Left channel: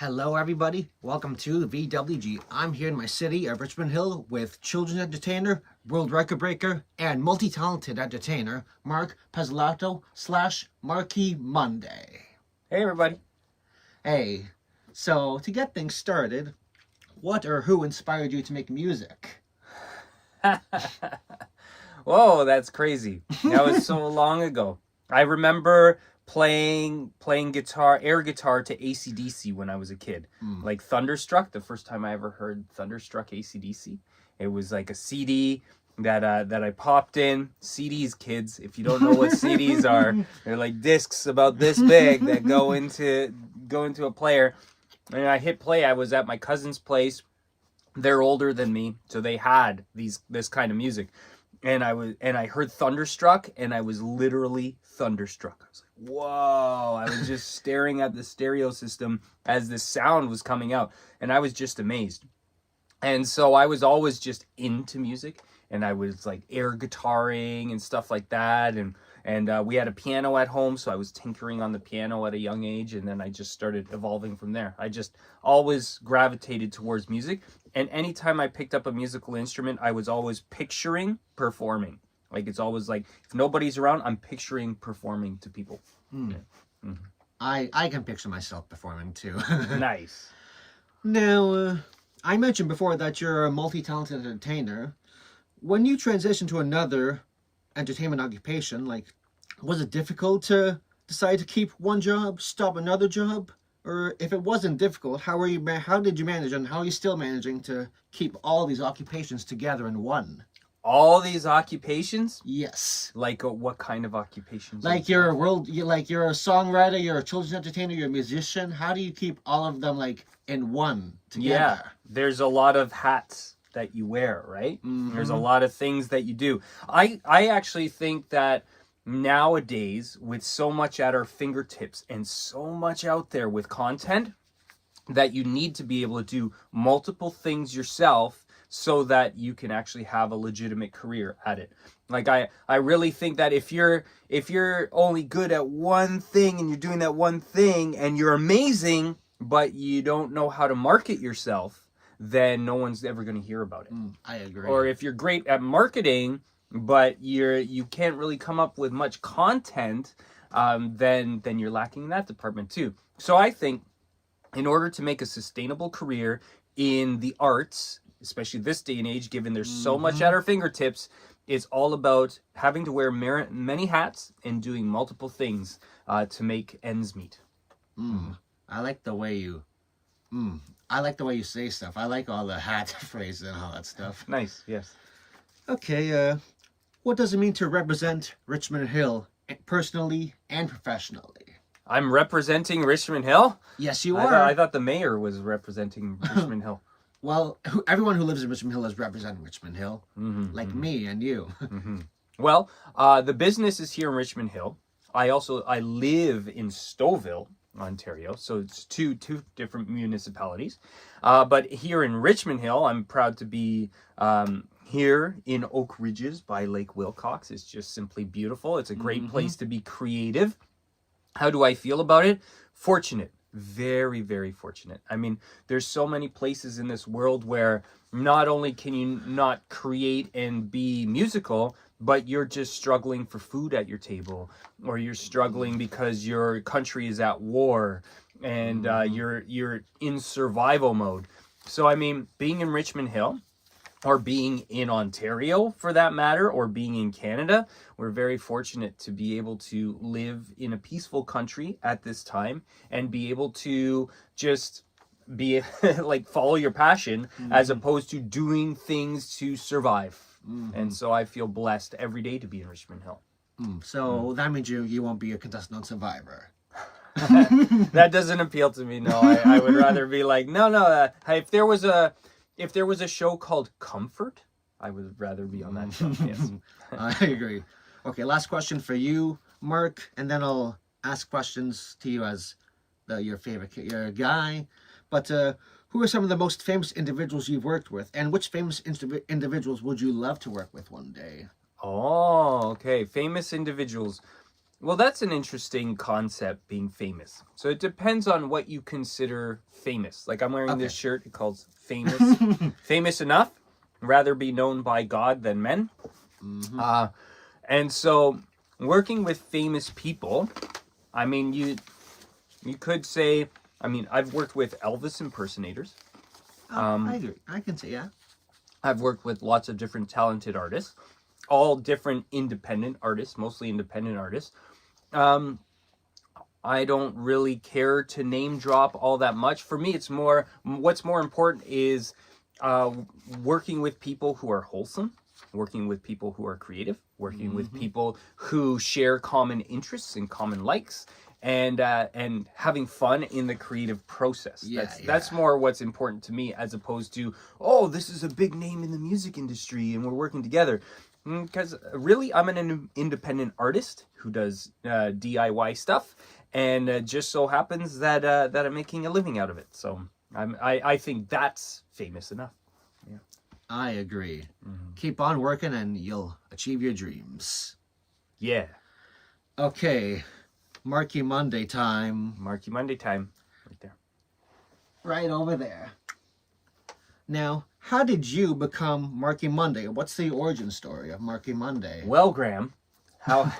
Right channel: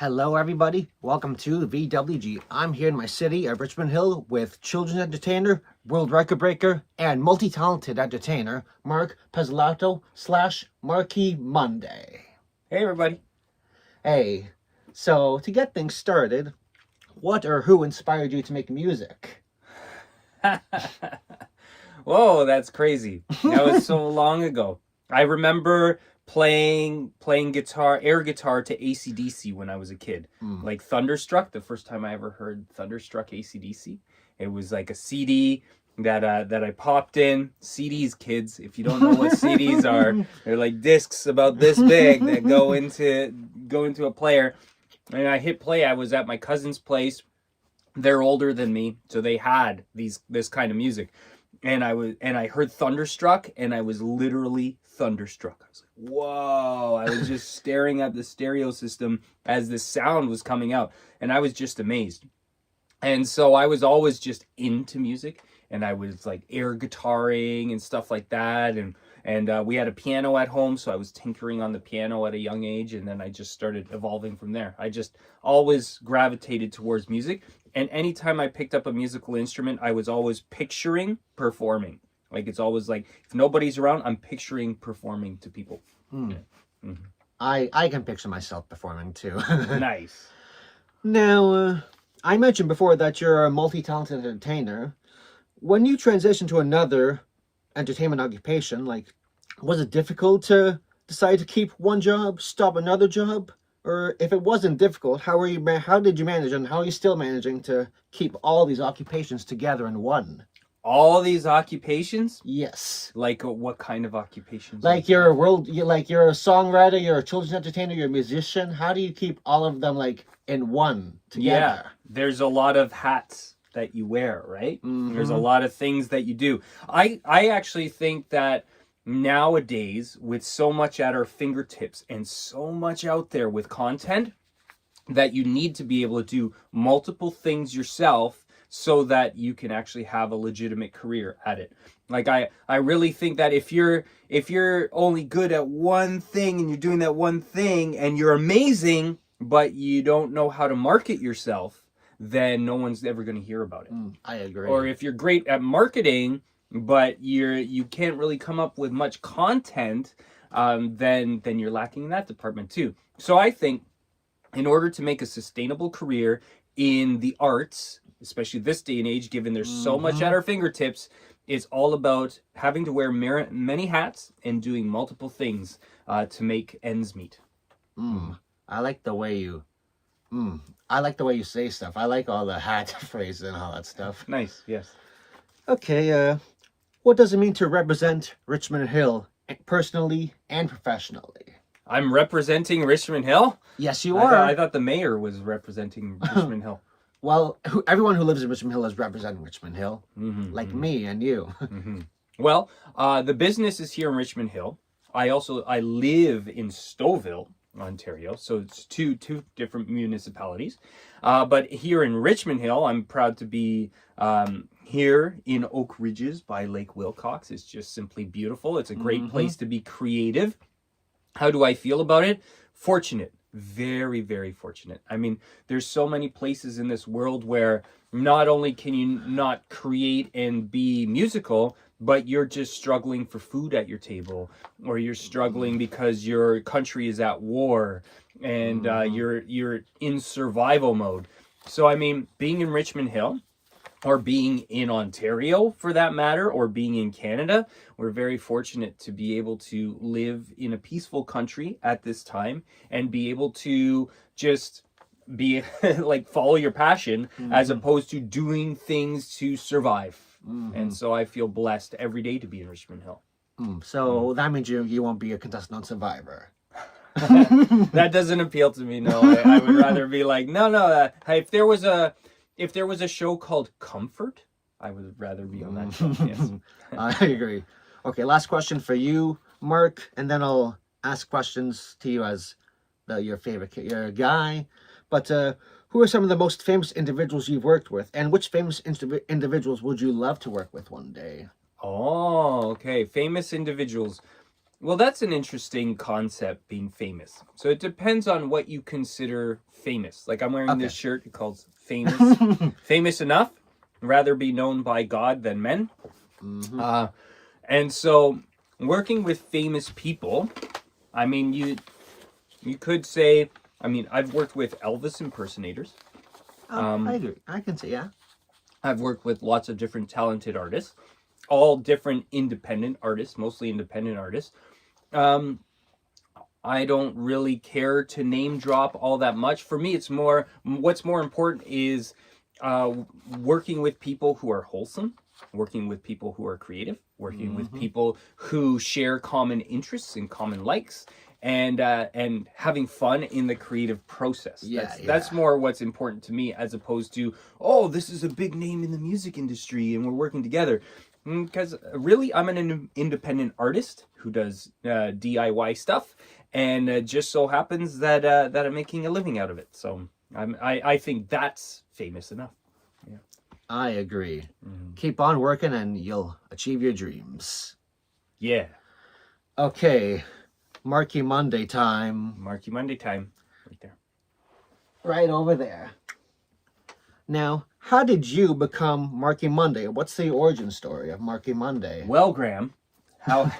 Hello, everybody. Welcome to VWG. I'm here in my city of Richmond Hill with children's entertainer, world record breaker, and multi-talented entertainer, Mark Pezzelato / Marky Monday. Hey, everybody. Hey, so to get things started, what or who inspired you to make music? Whoa, that's crazy. That was so long ago. I remember playing air guitar to AC/DC when I was a kid. Like Thunderstruck, the first time I ever heard Thunderstruck AC/DC. It was like a CD that I popped in. CDs, kids, if you don't know what CDs are, they're like discs about this big that go into a player. And I hit play. I was at my cousin's place. They're older than me, so they had this kind of music. And I heard Thunderstruck, and I was literally thunderstruck. I was like, whoa. I was just staring at the stereo system as this sound was coming out, and I was just amazed. And so I was always just into music, and I was like air guitaring and stuff like that, and we had a piano at home, so I was tinkering on the piano at a young age, and then I just started evolving from there. I just always gravitated towards music, and anytime I picked up a musical instrument, I was always picturing performing. Like, it's always like, if nobody's around, I'm picturing performing to people. Yeah. Mm-hmm. I can picture myself performing too. Nice. Now, I mentioned before that you're a multi-talented entertainer. When you transition to another entertainment occupation, like, was it difficult to decide to keep one job, stop another job? Or if it wasn't difficult, how did you manage, and how are you still managing to keep all these occupations together in one? All these occupations? Yes. Like, what kind of occupations? Like you're a songwriter, you're a children's entertainer, you're a musician. How do you keep all of them like in one together? Yeah, there's a lot of hats that you wear, right? Mm-hmm. There's a lot of things that you do. I actually think that nowadays, with so much at our fingertips and so much out there with content, that you need to be able to do multiple things yourself so that you can actually have a legitimate career at it. Like, I really think that if you're only good at one thing and you're doing that one thing and you're amazing, but you don't know how to market yourself, then no one's ever going to hear about it. I agree. Or if you're great at marketing, but you can't really come up with much content, then you're lacking in that department too. So I think in order to make a sustainable career in the arts, especially this day and age, given there's so much at our fingertips, it's all about having to wear many hats and doing multiple things to make ends meet. I like the way you say stuff. I like all the hat phrases and all that stuff. Nice, yes. Okay, what does it mean to represent Richmond Hill personally and professionally? I'm representing Richmond Hill? Yes, you are. I thought the mayor was representing Richmond Hill. Well, everyone who lives in Richmond Hill is representing Richmond Hill, like me and you. Well, the business is here in Richmond Hill. I live in Stouffville, Ontario, so it's two different municipalities. But here in Richmond Hill, I'm proud to be here in Oak Ridges by Lake Wilcox. It's just simply beautiful. It's a great place to be creative. How do I feel about it? Fortunate. Very, very fortunate. I mean, there's so many places in this world where not only can you not create and be musical, but you're just struggling for food at your table, or you're struggling because your country is at war and you're in survival mode. So, I mean, being in Richmond Hill, or being in Ontario for that matter, or being in Canada, we're very fortunate to be able to live in a peaceful country at this time and be able to just be like follow your passion as opposed to doing things to survive. And so I feel blessed every day to be in Richmond Hill. So that means you won't be a contestant on Survivor. That doesn't appeal to me. No, I would rather be like, no. If there was a show called Comfort, I would rather be on that show. Yes. I agree. Okay, last question for you, Mark, and then I'll ask questions to you as your favorite guy. But who are some of the most famous individuals you've worked with, and which famous individuals would you love to work with one day? Oh, okay. Famous individuals. Well, that's an interesting concept, being famous. So it depends on what you consider famous. Like I'm wearing this shirt, it calls famous. Famous enough, rather be known by God than men. And so working with famous people, I mean, you could say, I mean, I've worked with Elvis impersonators. I agree. I can see, yeah. I've worked with lots of different talented artists, all different independent artists, mostly independent artists. I don't really care to name drop all that much. For me, it's more, what's more important is working with people who are wholesome, working with people who are creative, working with people who share common interests and common likes, and having fun in the creative process. That's more what's important to me, as opposed to, oh, this is a big name in the music industry and we're working together. Because really, I'm an independent artist who does DIY stuff, and just so happens that that I'm making a living out of it. So I think that's famous enough. Yeah. I agree. Keep on working and you'll achieve your dreams. Yeah. Okay, Marky Monday time. Marky Monday time. Right there. Right over there. Now, how did you become Marky Monday? What's the origin story of Marky Monday? Well, Graham, how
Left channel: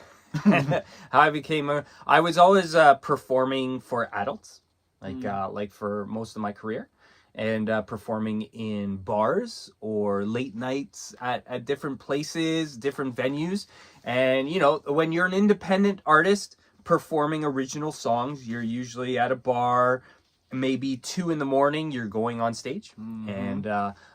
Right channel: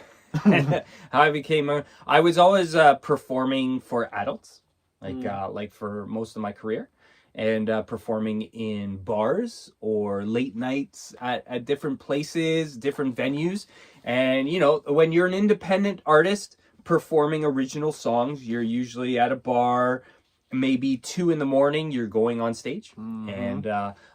I became I was always performing for adults, like for most of my career, and performing in bars or late nights at different places, different venues. And, you know, when you're an independent artist performing original songs, you're usually at a bar, maybe 2 a.m, you're going on stage. And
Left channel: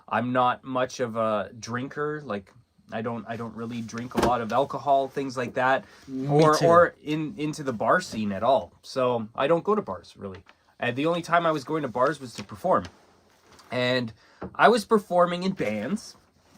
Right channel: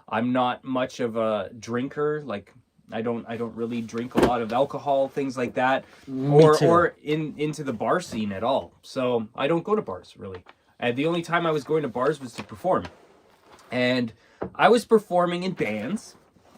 I'm not much of a drinker. Like, I don't really drink a lot of alcohol, things like that, or into the bar scene at all. So I don't go to bars really. And the only time I was going to bars was to perform. And I was performing in bands,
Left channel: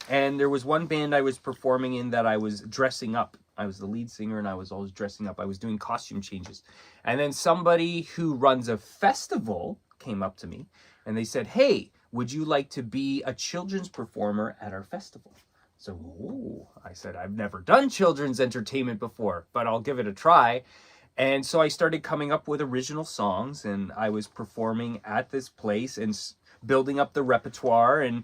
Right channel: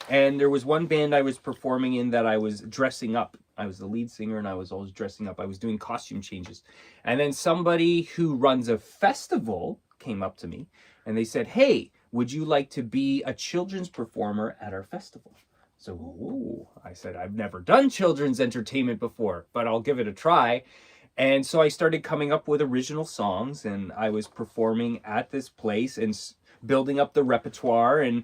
and there was one band I was performing in that I was dressing up. I was the lead singer, and I was always dressing up. I was doing costume changes. And then somebody who runs a festival came up to me, and they said, "Hey, would you like to be a children's performer at our festival?" So, ooh, I said, "I've never done children's entertainment before, but I'll give it a try." And so I started coming up with original songs, and I was performing at this place and building up the repertoire, and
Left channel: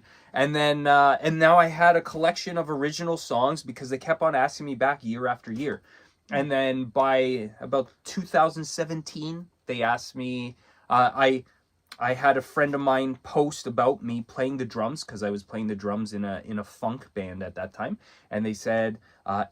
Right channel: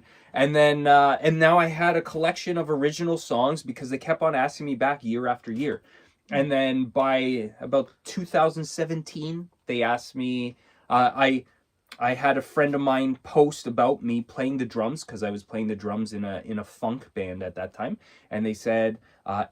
now I had a collection of original songs because they kept on asking me back year after year. And then by about 2017, they asked me, I had a friend of mine post about me playing the drums, because I was playing the drums in a funk band at that time, and they said,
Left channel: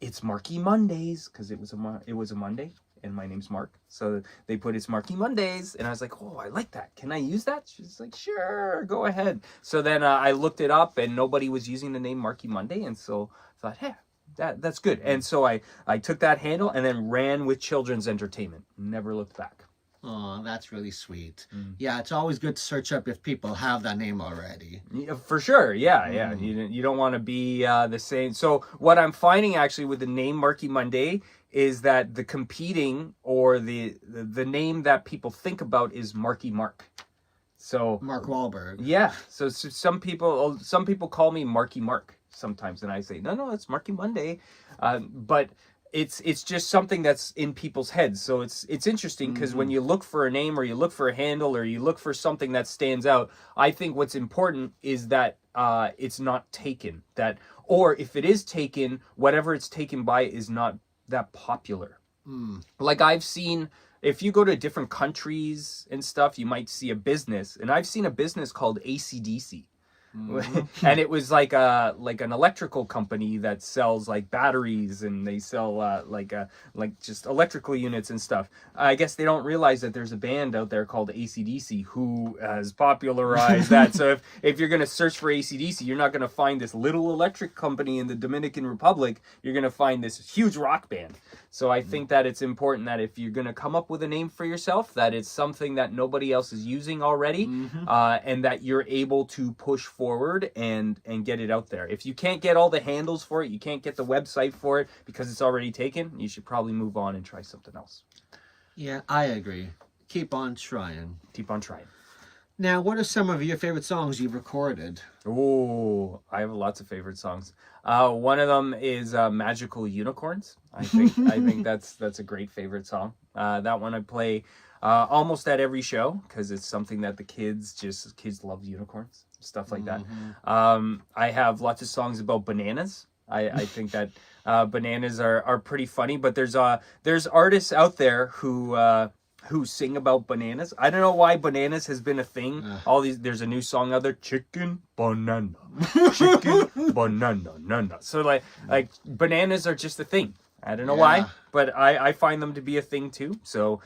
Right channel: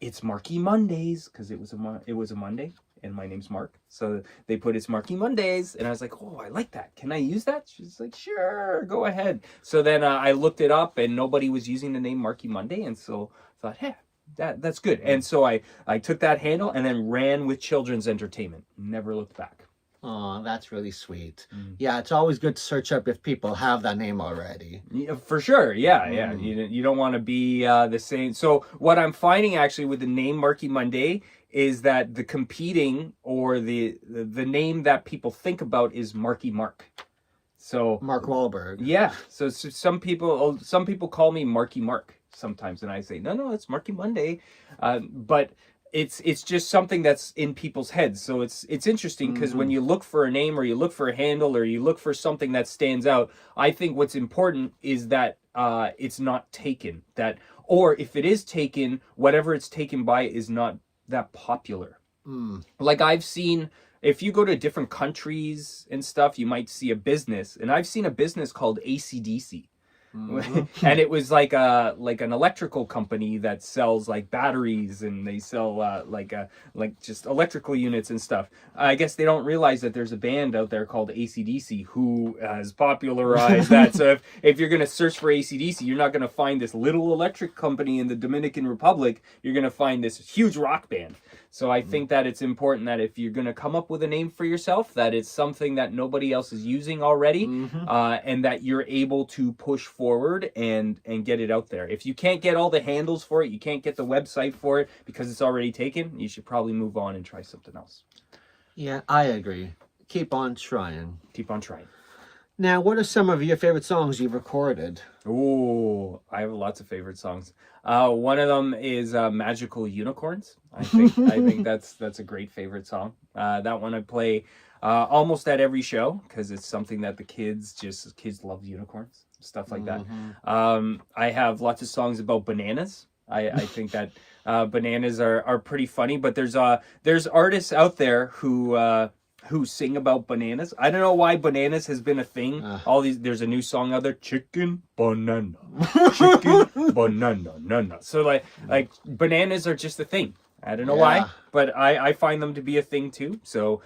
it's Marky Mondays, because it was a Monday, and my name's Mark, so they put it's Marky Mondays, and I was like, oh, I like that. Can I use that? She's like, sure, go ahead. So then I looked it up, and nobody was using the name Marky Monday, and so I thought, hey, that's good. And so I took that handle and then ran with children's entertainment. Never looked back. Oh, that's really sweet. Yeah, it's always good to search up if people have that name already. Yeah, for sure, yeah. You don't want to be the same. So what I'm finding actually with the name Marky Monday is that the competing, or the name that people think about is Marky Mark. So Mark Wahlberg. Yeah. So some people call me Marky Mark sometimes, and I say no, it's Marky Monday, but it's just something that's in people's heads. So it's interesting, because when you look for a name, or you look for a handle, or you look for something that stands out, I think what's important is that it's not taken, or if it is taken, whatever it's taken by is not that popular. Like I've seen, if you go to different countries and stuff, you might see a business, and I've seen a business called AC/DC. And it was like an electrical company that sells like batteries, and they sell like just electrical units and stuff. I guess they don't realize that there's a band out there called AC/DC who has popularized that. So if you're gonna search for AC/DC, you're not gonna find this little electric company in the Dominican Republic. You're gonna find this huge rock band. So I think that it's important that if you're going to come up with a name for yourself, that it's something that nobody else is using already, and that you're able to push forward and get it out there. If you can't get all the handles for it, you can't get the website for it because it's already taken, you should probably move on and try something else. Yeah, I agree. Keep on trying. Keep on trying. Now, what are some of your favorite songs you've recorded? Ooh, I have lots of favorite songs. One of them is "Magical Unicorns." I think that's a great favorite song. That one I play almost at every show because it's something that the kids love unicorns, stuff like that. I have lots of songs about bananas. I think that bananas are pretty funny, but there's artists out there who sing about bananas. I don't know why bananas has been a thing. There's a new song out there, chicken banana, chicken banana, nana. So like bananas are just a thing. I don't know why, but I find them to be a thing too. So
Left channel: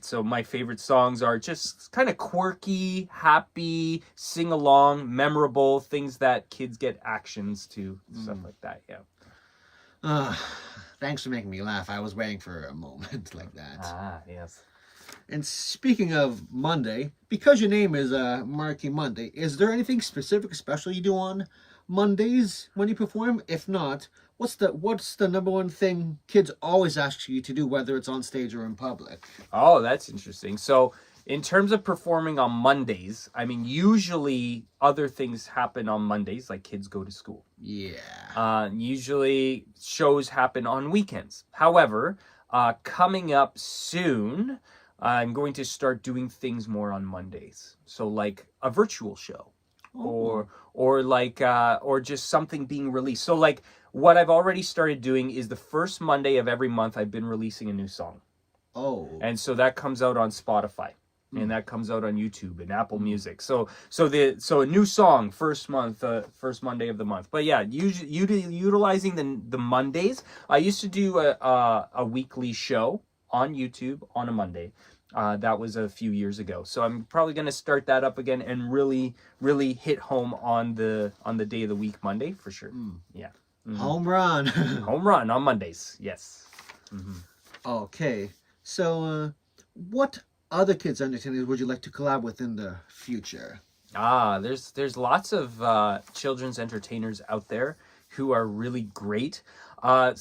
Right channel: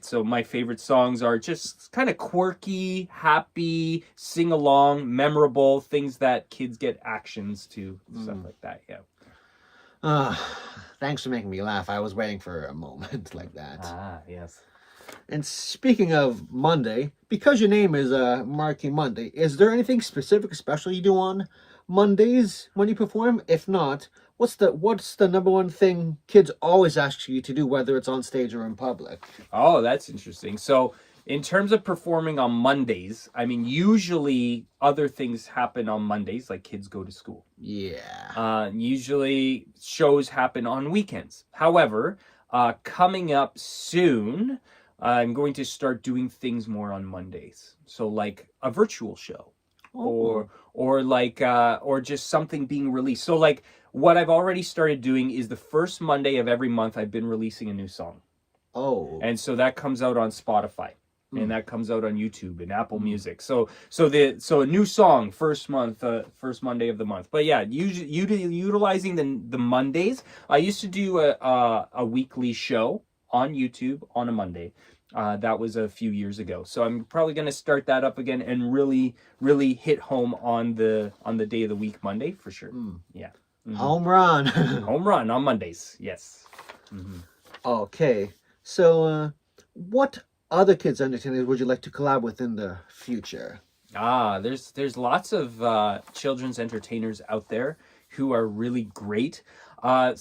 so my favorite songs are just kind of quirky, happy, sing along, memorable things that kids get actions to, stuff like that. Yeah. Thanks for making me laugh. I was waiting for a moment like that. Yes. And speaking of Monday, because your name is Marky Monday, is there anything specific, special you do on Mondays when you perform? If not, what's the number one thing kids always ask you to do, whether it's on stage or in public? Oh, that's interesting. So in terms of performing on Mondays, I mean, usually other things happen on Mondays, like kids go to school. Yeah. Usually shows happen on weekends. However, coming up soon, I'm going to start doing things more on Mondays. So like a virtual show, or just something being released. So like what I've already started doing is the first Monday of every month I've been releasing a new song. And so that comes out on Spotify. And that comes out on YouTube and Apple Music. So a new song first Monday of the month. But yeah, utilizing the Mondays. I used to do a weekly show on YouTube on a Monday. That was a few years ago. So I'm probably going to start that up again and really hit home on the day of the week, Monday, for sure. Yeah. Home run. Home run on Mondays. Yes. Okay. So what other kids entertainers would you like to collab with in the future? There's lots of children's entertainers out there who are really great. I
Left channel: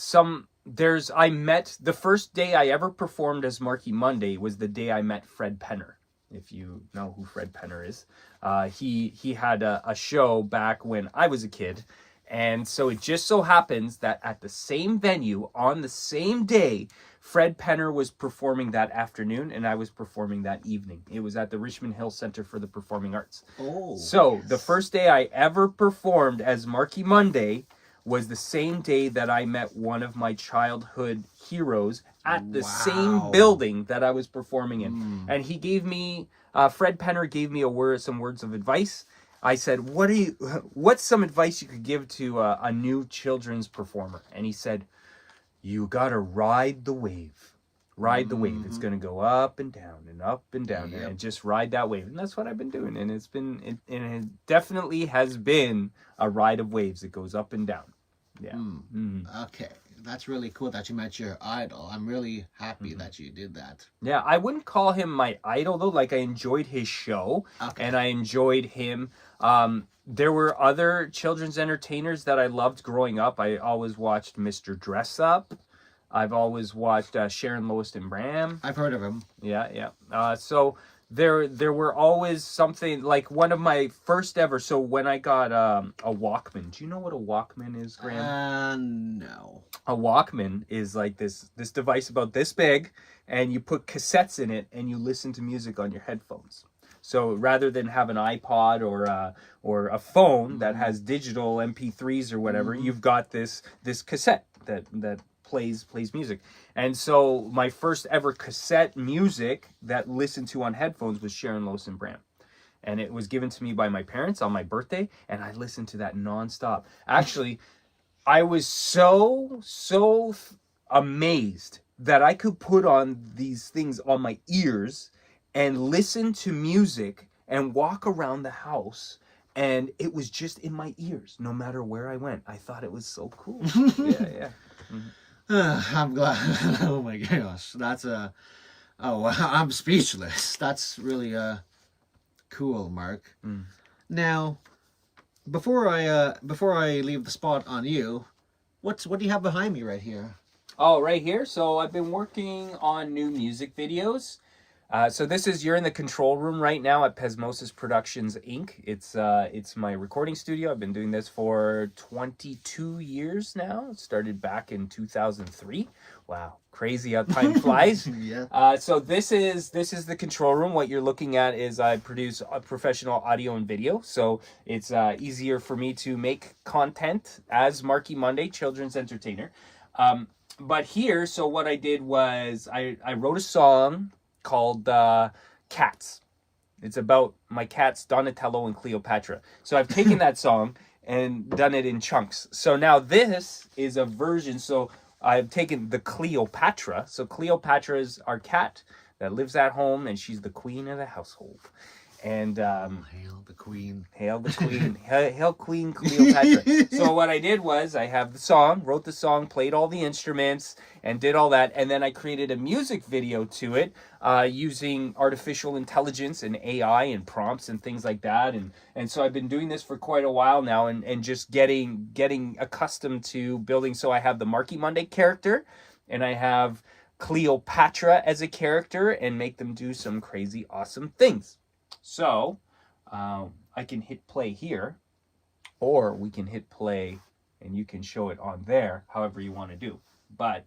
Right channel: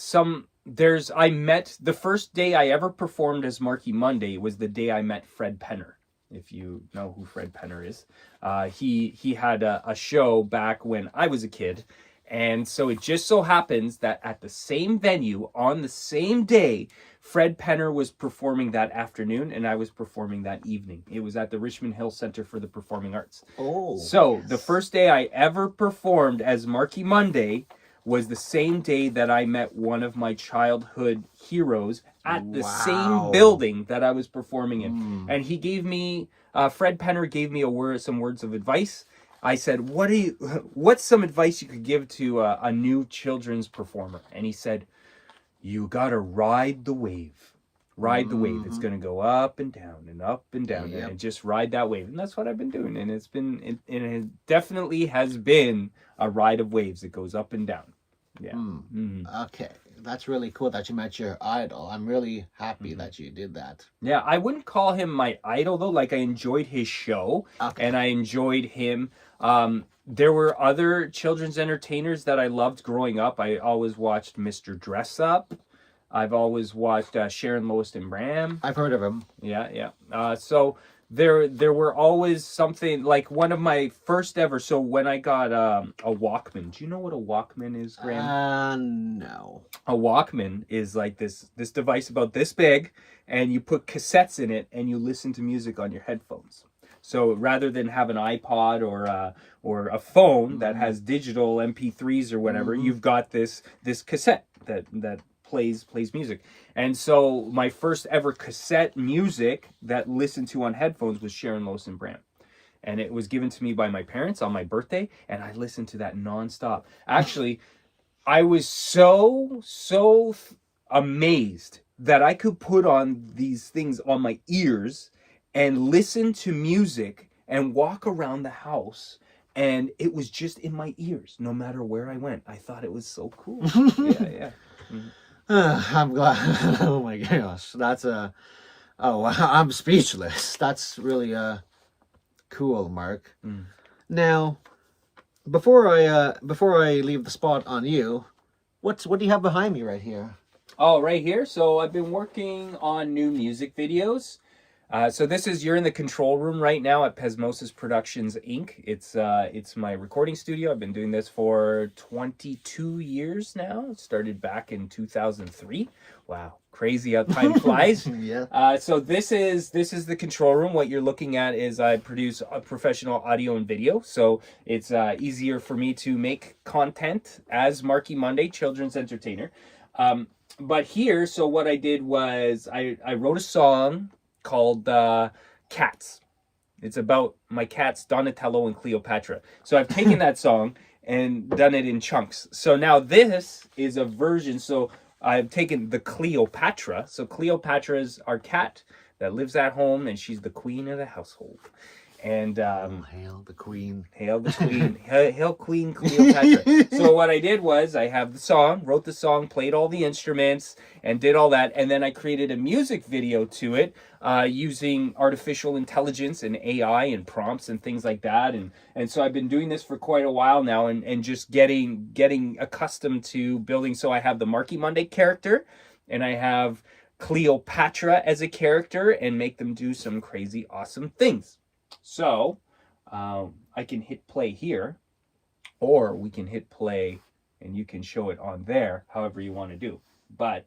met the first day I ever performed as Marky Monday was the day I met Fred Penner. If you know who Fred Penner is, he had a show back when I was a kid. And so it just so happens that at the same venue on the same day, Fred Penner was performing that afternoon and I was performing that evening. It was at the Richmond Hill Center for the Performing Arts. So the first day I ever performed as Marky Monday was the same day that I met one of my childhood heroes at the same building that I was performing in. And he gave me, Fred Penner gave me some words of advice. I said, what's some advice you could give to a new children's performer? And he said, you gotta ride the wave. Ride the wave. It's gonna go up and down and up and down, and just ride that wave. And that's what I've been doing. And it definitely has been a ride of waves. It goes up and down. Yeah. Okay. That's really cool that you met your idol. I'm really happy that you did that. Yeah, I wouldn't call him my idol though. Like I enjoyed his show and I enjoyed him. There were other children's entertainers that I loved growing up. I always watched Mr. Dress Up. I've always watched Sharon, Lois, and Bram. I've heard of him. Yeah. So there were always something, like one of my first ever. So when I got a Walkman, do you know what a Walkman is, Graham? No. A Walkman is like this device about this big, and you put cassettes in it, and you listen to music on your headphones. So rather than have an iPod or a phone that has digital MP3s or whatever, you've got this cassette that plays music. And so my first ever cassette music that listened to on headphones was Sharon, Lois, and Bram. And it was given to me by my parents on my birthday, and I listened to that nonstop. Actually, I was so amazed that I could put on these things on my ears and listen to music and walk around the house, and it was just in my ears no matter where I went. I thought it was so cool. Yeah. I'm glad. Oh my gosh, that's I'm speechless. That's really cool, Mark. Now, before I leave the spot on you, what do you have behind me right here? Oh, right here. So I've been working on new music videos. So this is, you're in the control room right now at Pesmosis Productions Inc. It's my recording studio. I've been doing this for 22 years now. It started back in 2003. Wow, crazy how time flies. Yeah. So this is the control room. What you're looking at is I produce a professional audio and video. So it's easier for me to make content as Marky Monday, children's entertainer. But here, so what I did was I wrote a song called Cats. It's about my cats Donatello and Cleopatra. So I've taken that song and done it in chunks. So now this is a version. So I've taken the Cleopatra. So Cleopatra is our cat that lives at home, and she's the queen of the household. And Hail the queen. Hail the queen. Hail Queen Cleopatra. So what I did was I have the song, wrote the song, played all the instruments, and did all that. And then I created a music video to it using artificial intelligence and AI and prompts and things like that. And so I've been doing this for quite a while now, and just getting accustomed to building. So I have the Marky Monday character, and I have Cleopatra as a character, and make them do some crazy, awesome things. So I can hit play here, or we can hit play and you can show it on there, however you want to do. But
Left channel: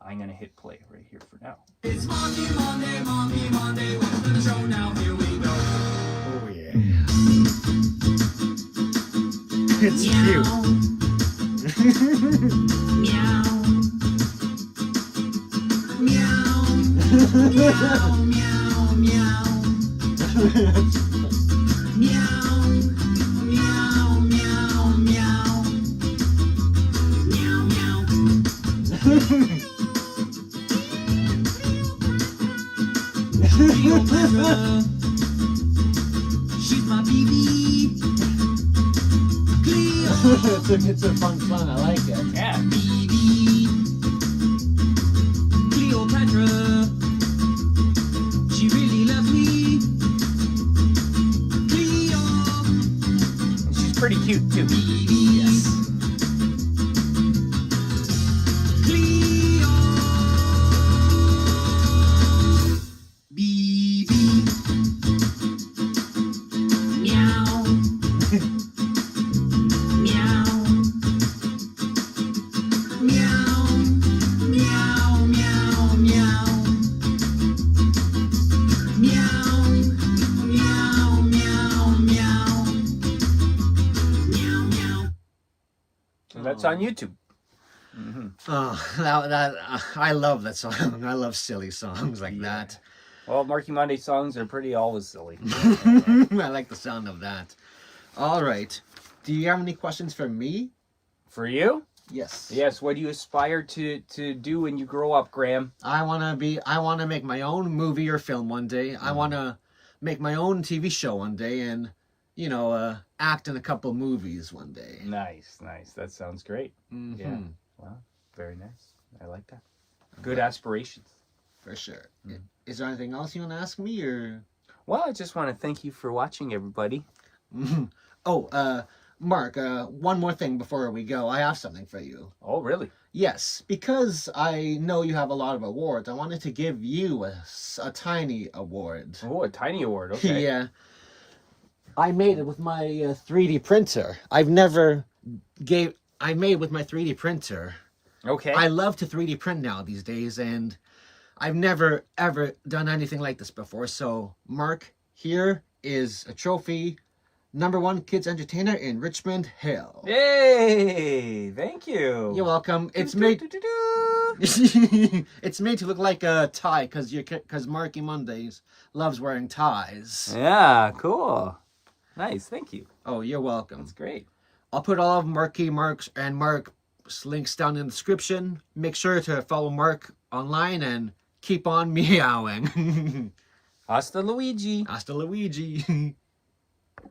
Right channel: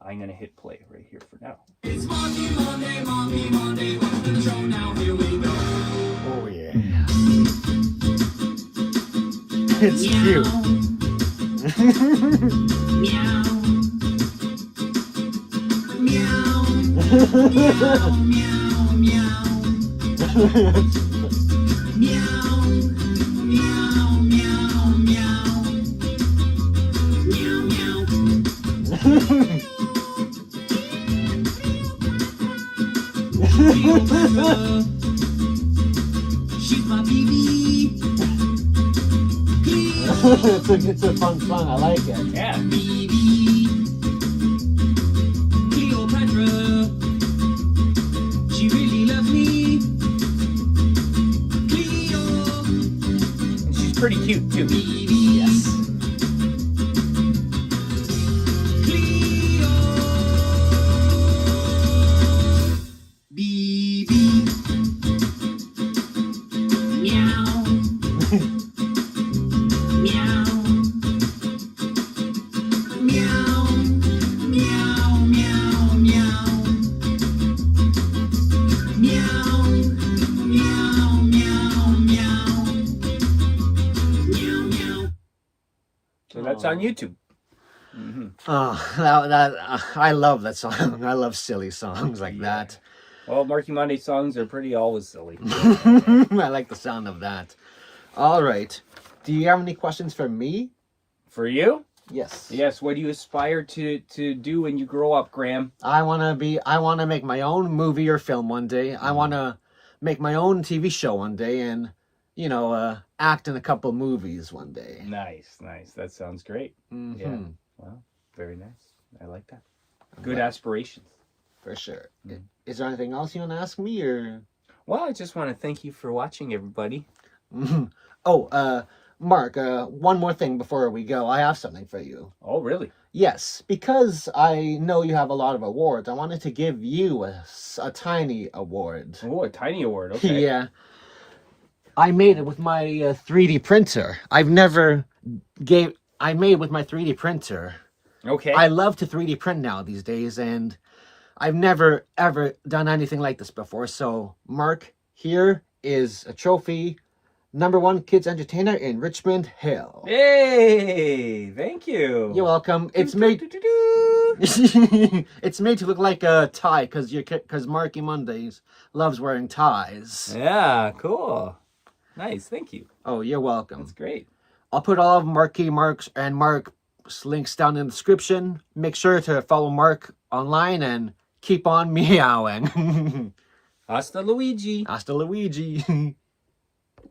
I'm going to hit play right here for now. It's Marky Monday, welcome to the show, now here we go. Oh, yeah. It's cute. Meow. Meow. Meow, meow, meow. Meow, meow, meow, meow. Meow, meow. Cleopatra, she's my baby. It's a fun song. I like it. Yeah. Baby. Cleopatra, she really loves me. Cleo, She's pretty cute too. baby. Yes. Cleo, baby. Meow. Meow. Meow. Meow, meow, meow. Meow. Meow, meow, meow. Meow, meow. So that's on YouTube. Oh, I love that song. I love silly songs like that. Well, Marky Monday songs are pretty always silly. I like the sound of that. All right. Do you have any questions for me? For you? Yes. Yes. What do you aspire to do when you grow up, Graham? I want to make my own movie or film one day. I want to make my own TV show one day, and, act in a couple movies one day. Nice, nice. That sounds great. Mhm. Yeah. Well, very nice. I like that. Good aspirations. For sure. Is there anything else you want to ask me, or? Well, I just want to thank you for watching, everybody. Oh, Mark, one more thing before we go. I have something for you. Oh, really? Yes, because I know you have a lot of awards, I wanted to give you a tiny award. Oh, a tiny award. Okay. Yeah. I made it with my 3D printer. I made it with my 3D printer. Okay. I love to 3D print now these days, and I've never, ever done anything like this before. So, Mark, here is a trophy. #1 Kids Entertainer in Richmond Hill. Hey, thank you. You're welcome. It's made it's made to look like a tie because Marky Mondays loves wearing ties. Yeah, cool. Nice, thank you. Oh, you're welcome. That's great. I'll put all of Mark's links down in the description. Make sure to follow Mark online and keep on meowing. Hasta Luigi. Hasta Luigi.